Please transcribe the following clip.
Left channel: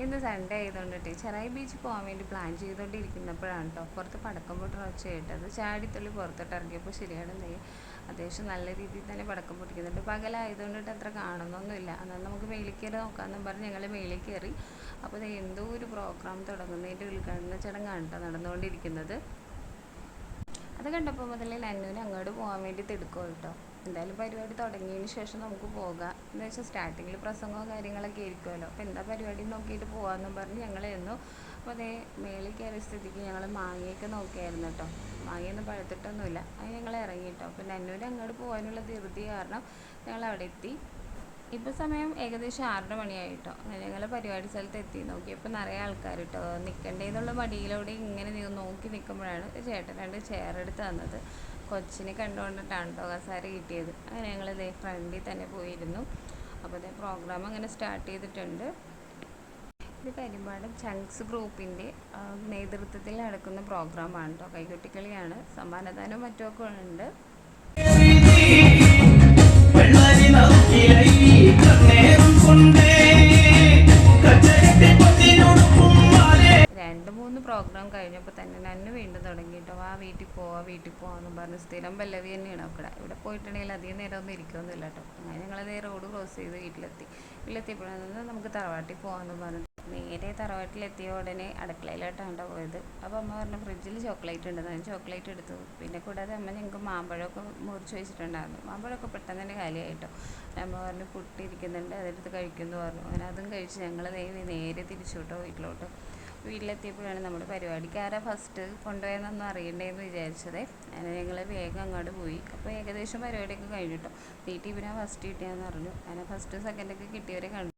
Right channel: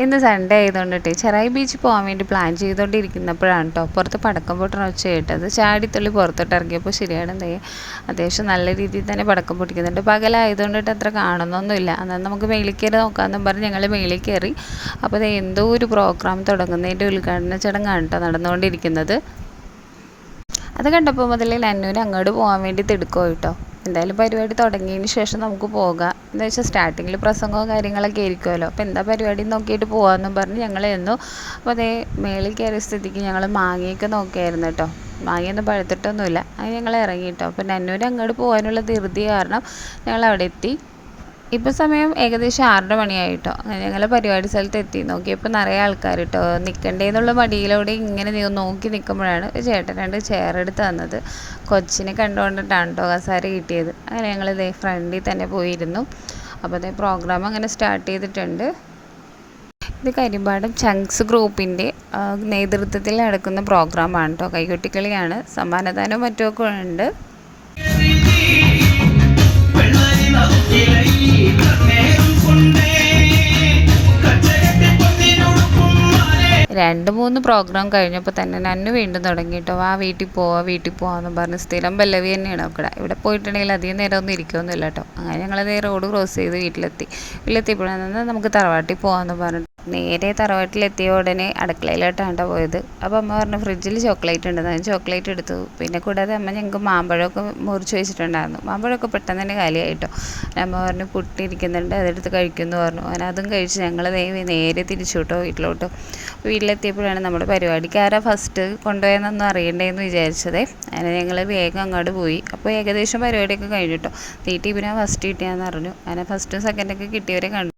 ഇന്ന് സൺഡേ ആയതുകൊണ്ടിട്ട് ചെറായി ബീച്ചിൽ പോകാൻ വേണ്ടി പ്ലാൻ ചെയ്തുകൊണ്ടിരിക്കുന്നപ്പോഴാണ് കേട്ടോ പുറത്ത് പടക്കം പൊട്ടണ ഒച്ച കേട്ടത്. ചാടിത്തുള്ളി പുറത്തോട്ട് ഇറങ്ങിയപ്പോൾ ശരിയാണ് എന്തേ അത്യാവശ്യം നല്ല രീതിയിൽ തന്നെ പടക്കം പൊട്ടിക്കുന്നുണ്ട്. പകലായതുകൊണ്ടിട്ട് അത്ര കാണുന്നൊന്നുമില്ല. എന്നാൽ നമുക്ക് മേളിൽ കയറി നോക്കാമെന്നും പറഞ്ഞ് ഞങ്ങൾ മേളിൽ കയറി. അപ്പോൾ അത് എന്തോ ഒരു പ്രോഗ്രാം തുടങ്ങുന്നതിൻ്റെ ഉദ്ഘാടന ചടങ്ങാണ് കേട്ടോ നടന്നുകൊണ്ടിരിക്കുന്നത്. അത് കണ്ടപ്പോൾ മുതലേ നന്നൂന് അങ്ങോട്ട് പോകാൻ വേണ്ടി തിടുക്കോ കേട്ടോ. എന്തായാലും പരിപാടി തുടങ്ങിയതിന് ശേഷം നമുക്ക് പോകാം എന്ന് വെച്ചാൽ സ്റ്റാർട്ടിങ്ങിൽ പ്രസംഗവും കാര്യങ്ങളൊക്കെ ആയിരിക്കുമല്ലോ. അപ്പോൾ എന്താ പരിപാടി നോക്കിയിട്ട് പോകാമെന്നും പറഞ്ഞ് ഞങ്ങൾ എന്നു. അപ്പോൾ അതേ മേളിൽ കയറിയ സ്ഥിതിക്ക് ഞങ്ങൾ മാങ്ങയൊക്കെ നോക്കിയായിരുന്നു കേട്ടോ. മാങ്ങയൊന്നും പഴുത്തിട്ടൊന്നുമില്ല. അത് ഞങ്ങൾ ഇറങ്ങി കേട്ടോ. അപ്പോൾ നന്നൂന് അങ്ങോട്ട് പോകാനുള്ള ധൃതി കാരണം ഞങ്ങൾ അവിടെ എത്തി. ഇപ്പോൾ സമയം ഏകദേശം 6:30 മണിയായിട്ടോ. അങ്ങനെ ഞങ്ങൾ പരിപാടി സ്ഥലത്ത് എത്തി. നോക്കിയപ്പോൾ നിറയെ ആൾക്കാർ കേട്ടോ. നിൽക്കണ്ടേന്നുള്ള മടിയിലൂടെ ഇങ്ങനെ നോക്കി നിൽക്കുമ്പോഴാണ് ചേട്ടൻ 2 ചെയർ എടുത്ത് തന്നത്. കൊച്ചിനെ കണ്ടുകൊണ്ടിട്ടാണ് കേട്ടോ കസാര കിട്ടിയത്. അങ്ങനെ ഞങ്ങൾ ഇതേ ഫ്രണ്ടിൽ തന്നെ പോയിരുന്നു. അപ്പോൾ അതേ പ്രോഗ്രാം അങ്ങനെ സ്റ്റാർട്ട് ചെയ്തിട്ടുണ്ട്. ഇത് കരിമ്പാടം ചങ്ക്സ് ഗ്രൂപ്പിൻ്റെ നേതൃത്വത്തിൽ നടക്കുന്ന പ്രോഗ്രാമാണ് കേട്ടോ. കൈകൊട്ടിക്കളിയാണ്. സമ്മാനദാനവും മറ്റുമൊക്കെ ഉണ്ട്. 2-3 പ്രോഗ്രാം കഴിഞ്ഞപ്പോൾ തന്നെ നന്നു വീണ്ടും തുടങ്ങി കേട്ടോ. വീട്ടിൽ പോവാമെന്ന് പറഞ്ഞ് സ്ഥിരം പല്ലവി തന്നെയാണ് ഇവിടെ പോയിട്ടുണ്ടെങ്കിൽ അധികം നേരം ഒന്നും ഇരിക്കുമൊന്നുമില്ല കേട്ടോ. അങ്ങനെ ഞങ്ങളതേ റോഡ് ക്രോസ് ചെയ്ത് വീട്ടിലെത്തിയപ്പോഴാണ് നമുക്ക് തറവാട്ടിൽ പോകാമെന്ന് പറഞ്ഞിട്ട് നേരെ തറവാട്ടിലെത്തിയ ഉടനെ അടുക്കളയിലോട്ടാണ് പോയത്. അപ്പോൾ അമ്മ പറഞ്ഞു ഫ്രിഡ്ജിൽ ചോക്ലേറ്റ് ഉണ്ട്. ഞാൻ ചോക്ലേറ്റ് എടുത്തു. പിന്നെ കൂടാതെ അമ്മ ഞങ്ങൾക്ക് മാമ്പഴമൊക്കെ മുറിച്ച് വെച്ചിട്ടുണ്ടായിരുന്നു. മാമ്പഴമൊക്കെ പെട്ടെന്ന് തന്നെ കാലിയായിട്ടോ. അമ്മ പറഞ്ഞു പുട്ടിരിക്കുന്നുണ്ട് അതെടുത്ത് കഴിക്കുമെന്ന് പറഞ്ഞു. അങ്ങനെ അതും കഴിച്ച് ഞങ്ങൾ നേരെ തിരിച്ചു കേട്ടോ വീട്ടിലോട്ട്. വീട്ടിലെത്തിയപ്പോഴാണ് നമ്മുടെ പരിപാടിക്ക് ആരാ ഫസ്റ്റ് കൊണ്ടുപോയെന്നൊന്നും അറിയണ്ടേന്ന് വിചാരിച്ചതേ. അങ്ങനെ ഞങ്ങൾ വേഗം അങ്ങോട്ട് പോയി. അപ്പോൾ ഏകദേശം പരിപാടിയൊക്കെ കഴിഞ്ഞിട്ടോ. തീറ്റി പിന്നെ ഫസ്റ്റ് കിട്ടിയാന്ന് പറഞ്ഞു. അങ്ങനെ ഫസ്റ്റും സെക്കൻഡൊക്കെ കിട്ടിയവരെ കണ്ടു.